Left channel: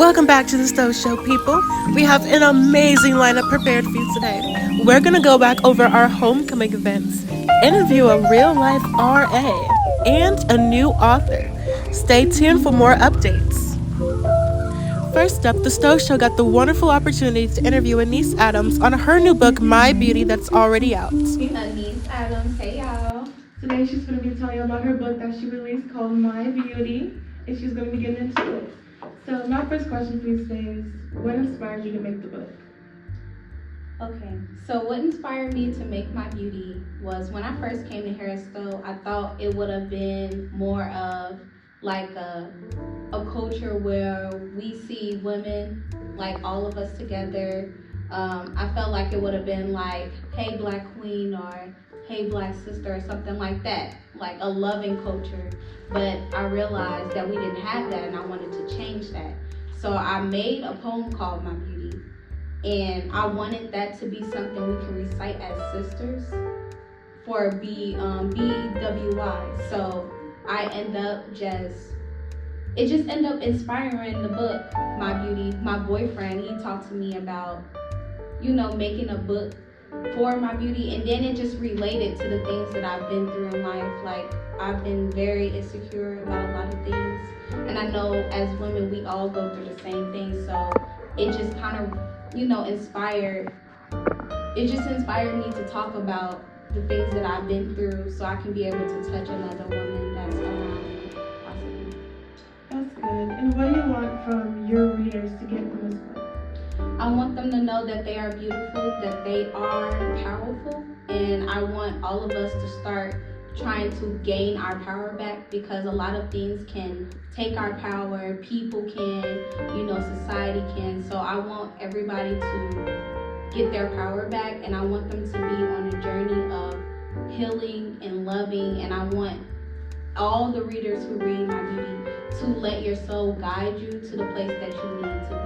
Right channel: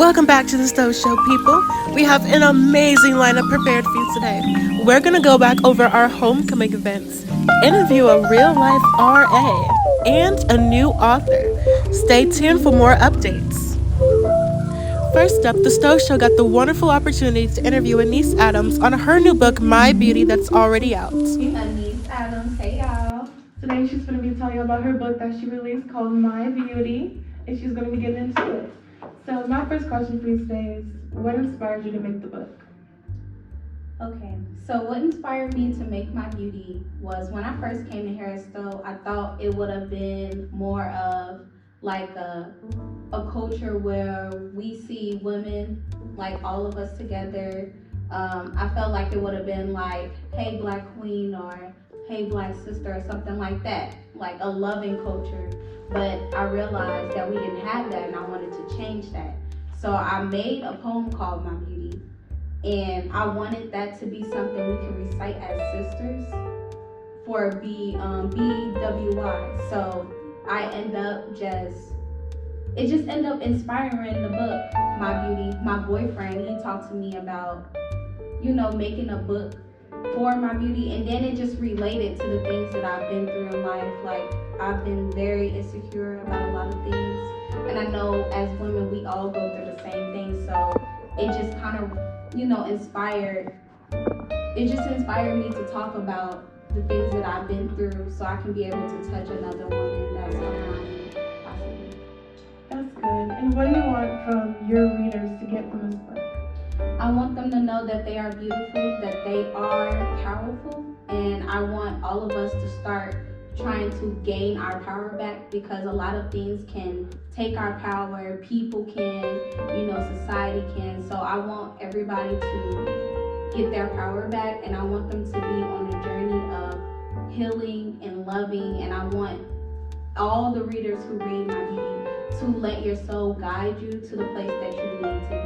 Welcome back to the Stowe Show, people. We have an amazing lineup prepared for you today. We're going to go back over our homecoming events, interview a real-life RA, and a new author. Stay tuned for more updates. First up, the Stowe Show got the wonderful opportunity to interview Anise Adams on her new book, My Beauty, that's already out. Anise Adams, hey y'all. Today she's going to be telling you about her book that she released called My Beauty, and she's going to be getting into it. So my first question for you today is, what inspired you to make the book? Okay, so what inspired me to make My Beauty was when I first came to Harris Stowe, I thought it would have been more of like a culture where we see women, like all of us together. I felt like it would have been like, hey black queen, or hey black sister, or something like that, like a loving culture. But I realized that we didn't have that, and I wanted to change that. So I made a poem called My Beauty, and I wanted that to be something we can recite as sisters for BWY. So I end up it just ended up inspiring the book, My Beauty. My boyfriend, he talked to me about, making a book for My Beauty, and then it just related to the things that I've been through in life. Like, I've been very insecure about a lot of things, and I know as women we all go through the same thing. So it just kind of, inspired me to talk about the things that I've been through, so I can be able to touch another woman that's around me, possibly. That's good. And what do you want from your readers to get from this book? I want them to know that they are beautiful, that they are powerful, and I want all of us to start trying to gain our power back, because a lot of things can take our power. People can, society can. So I want everybody to get their power back, and I want them to be on a journey of healing and loving, and I want all the readers who read My Beauty to let your soul guide you to the place that you need to be.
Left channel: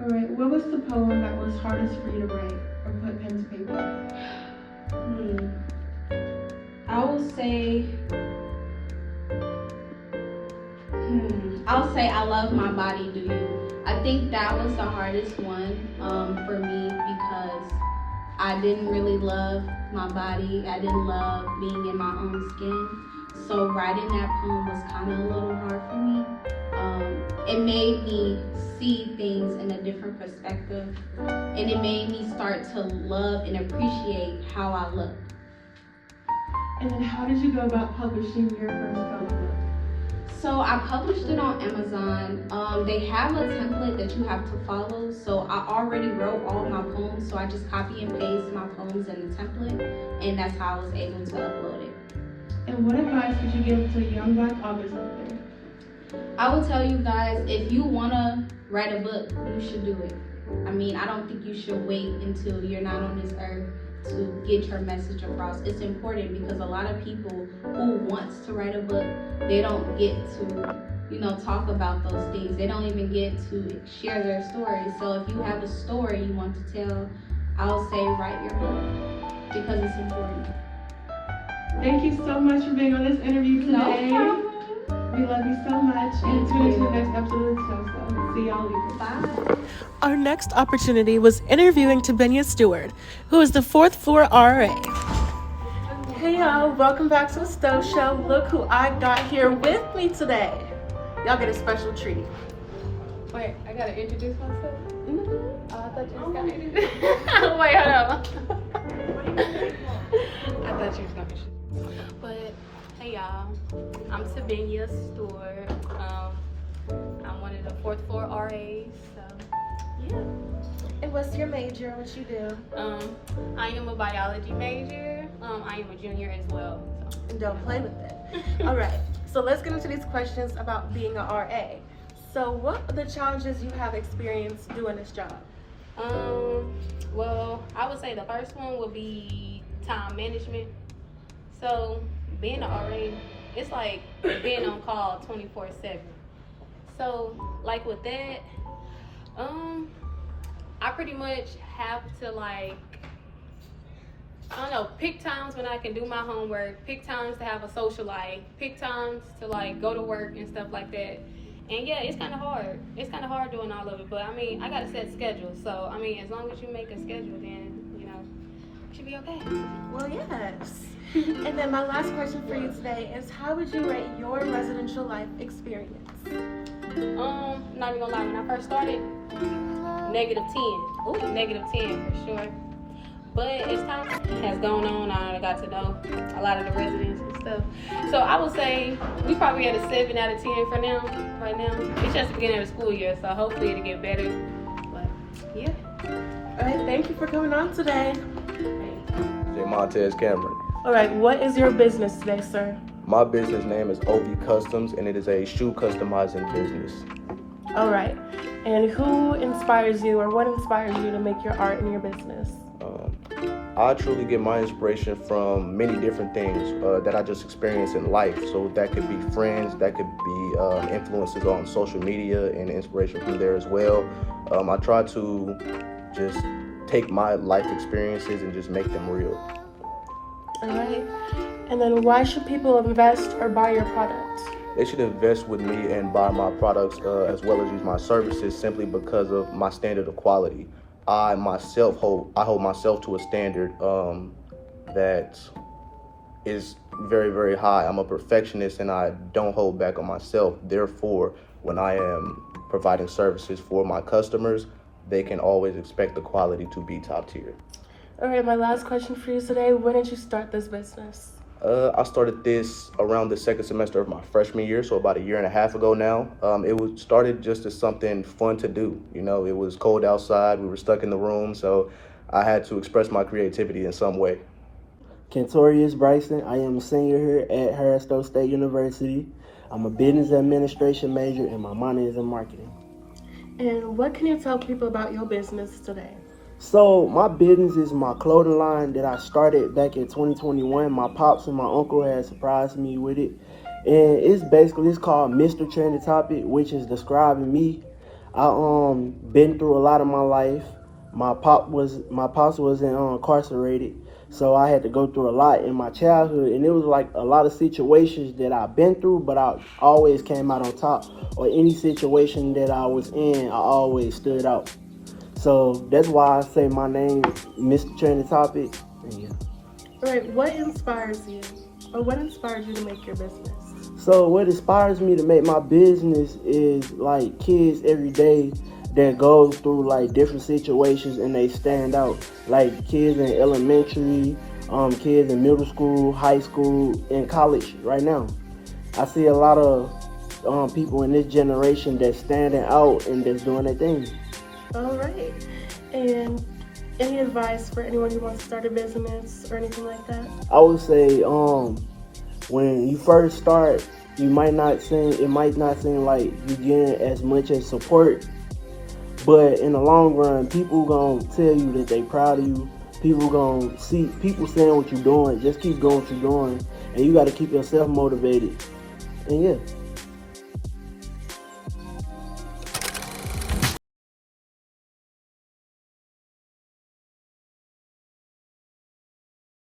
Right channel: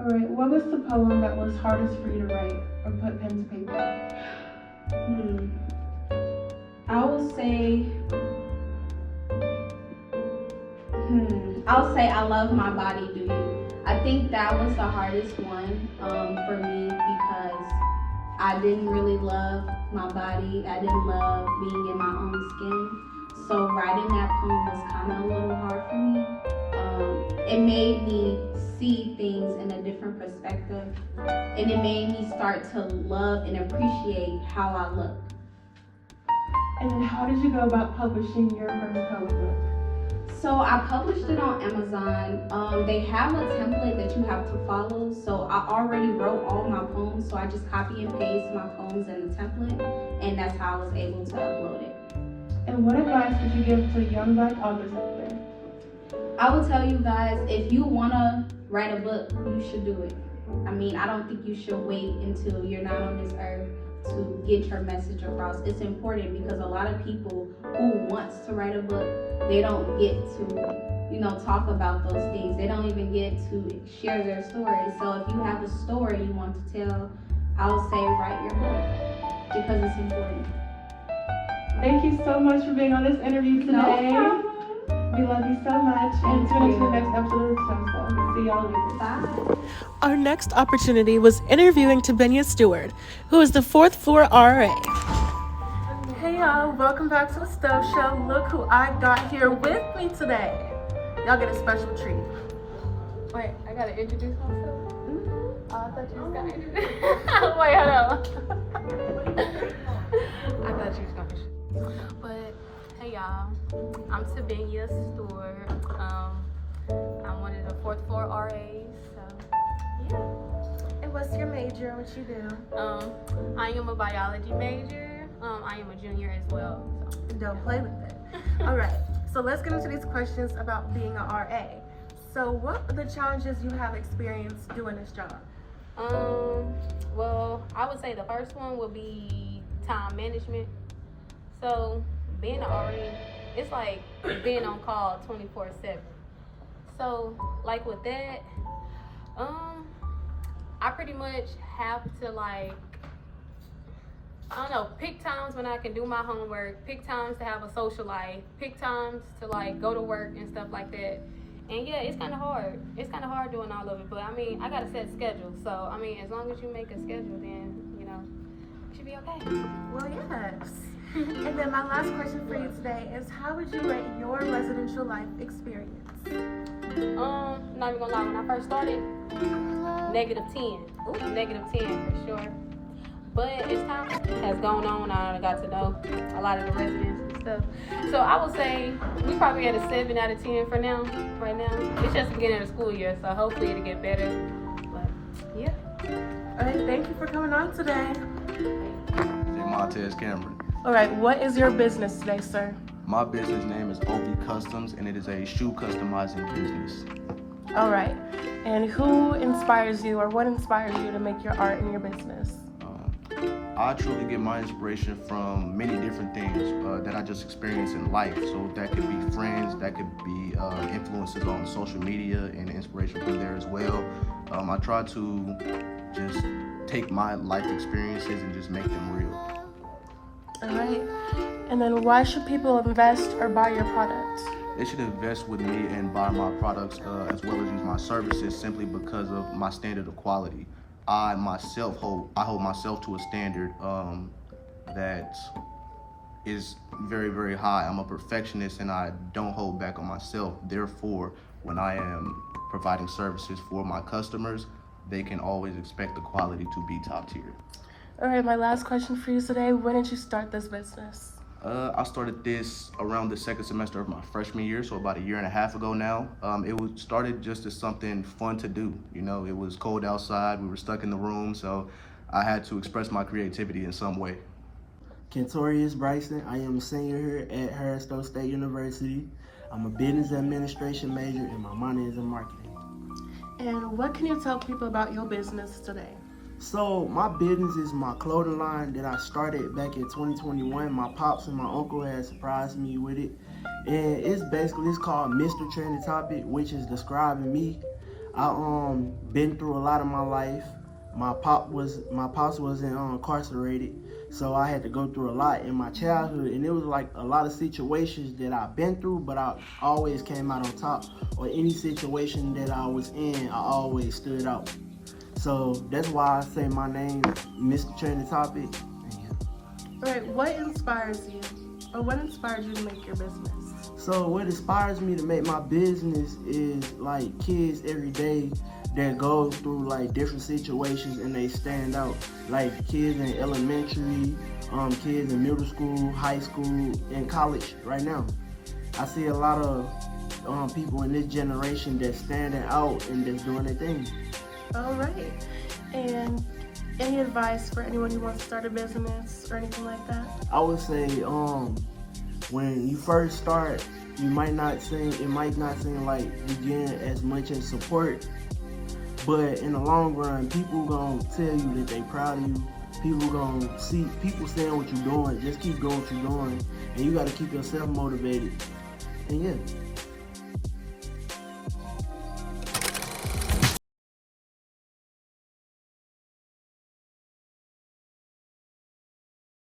All right, what was the poem that was hardest for you to write or put pen to paper? I will say, I'll say I love my body, do you? I think that was the hardest one for me, because I didn't really love my body. I didn't love being in my own skin. So writing that poem was kind of a little hard for me. It made me see things in a different perspective, and it made me start to love and appreciate how I look. And then how did you go about publishing your first poem book? So I published it on Amazon. They have a template that you have to follow. So I already wrote all my poems, so I just copy and paste my poems in the template, and that's how I was able to upload it. And what advice would you give to young black authors out there? I will tell you guys, if you want to write a book, you should do it. I mean, I don't think you should wait until you're not on this earth to get your message across. It's important, because a lot of people who wants to write a book, they don't get to, talk about those things. They don't even get to share their story. So if you have a story you want to tell, I'll say write your book, because it's important. Thank you so much for being on this interview today. No problem. We love you so much, and tune into the next episode of the Stowe. See y'all later. Bye. Our next opportunity was interviewing Tabenia Stewart, who is the 4th floor RA. Hey y'all, welcome back to the Stowe Show. Look who I got here with me today. Y'all get a special treat. Wait, I gotta introduce myself? Oh, I thought you was gonna introduce Wait, hold on. I thought you was gonna introduce. But, hey y'all, I'm Tabenia Stewart. I'm one of the 4th floor RAs, so, yeah. And what's your major? What you do? I am a biology major. I am a junior as well. So. And don't play with it. All right, so let's get into these questions about being an RA. So what are the challenges you have experienced doing this job? Well, I would say the first one would be time management. So being an RA, it's like being on call 24/7. So like with that, I pretty much have to pick times when I can do my homework, pick times to have a social life, pick times to go to work and stuff like that. And yeah, it's kind of hard. It's kind of hard doing all of it. But I mean, I got to set schedules. So I mean, as long as you make a schedule, then you know, you should be okay. Well, yes. And then my last question for you today is, how would you rate your residential life experience? Not even gonna lie. When I first started, -10. Oh, -10 for sure. But as time has gone on, I got to know a lot of the residents and stuff. So I would say we probably at a 7 out of 10 for now. Right now, it's just the beginning of the school year, so hopefully it'll get better. But yeah. All right, thank you for coming on today. J. Montez Cameron. All right, what is your business today, sir? My business name is OV Customs, and it is a shoe customizing business. All right, and who inspires you, or what inspires you to make your art in your business? I truly get my inspiration from many different things that I just experience in life. So that could be friends, that could be influences on social media and inspiration from there as well. I try to just take my life experiences and just make them real. All right, and then why should people invest or buy your product? They should invest with me and buy my products as well as use my services simply because of my standard of quality. I hold myself to a standard that is very, very high. I'm a perfectionist and I don't hold back on myself. Therefore, when I am providing services for my customers, they can always expect the quality to be top tier. All right, my last question for you today, when did you start this business? I started this around the second semester of my freshman year, so about a year and a half ago now. It was started just as something fun to do. You know, it was cold outside, we were stuck in the room, so I had to express my creativity in some way. Kentorius Bryson. I am a senior here at Stowe State University. I'm a business administration major and my minor is in marketing. And what can you tell people about your business today? So my business is my clothing line that I started back in 2021. My pops and my uncle had surprised me with it. And it's called Mr. Trendy Topic, which is describing me. I been through a lot of my life. My pops was incarcerated, so I had to go through a lot in my childhood, and it was like a lot of situations that I've been through, but I always came out on top. Or any situation that I was in, I always stood out. So that's why I say my name, Mr. Trendy Topic. Yeah. All right, what inspires you, or what inspired you to make your business? So what inspires me to make my business is like kids every day that go through like different situations and they stand out. Like kids in elementary, kids in middle school, high school, and college right now. I see a lot of people in this generation that's standing out and that's doing their thing. All right. And any advice for anyone who wants to start a business or anything like that? I would say when you first start, it might not seem like you getting as much as support, but in the long run, people gonna tell you that they proud of you. People gonna see people saying what you're doing. Just keep going what you're doing, and you got to keep yourself motivated. And yeah.